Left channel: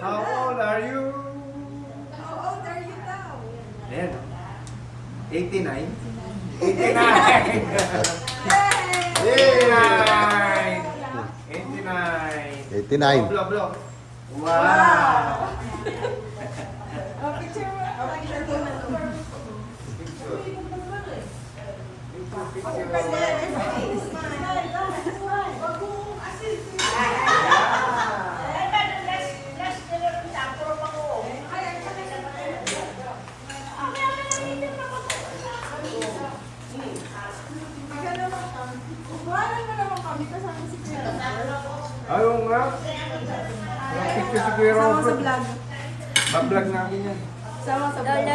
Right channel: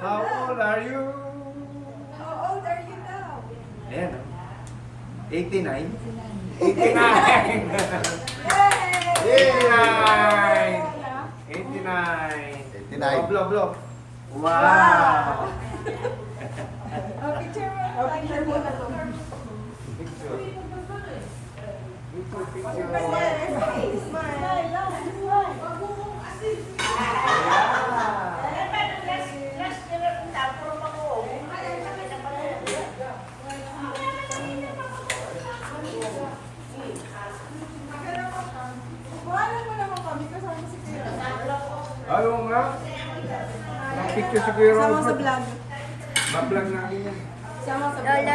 How old are you? How old are you now? Ayan, oh. 89? 89! Yay! 89! 89. Blog. Wow! Oh, picture mo. Picture mo. Bahala mo naman kami kasama si Kuya. Ayaw nga. Ang picture si Kuya Sama sa Robert. vlog. Bablog namin yan. Sama sa vlog.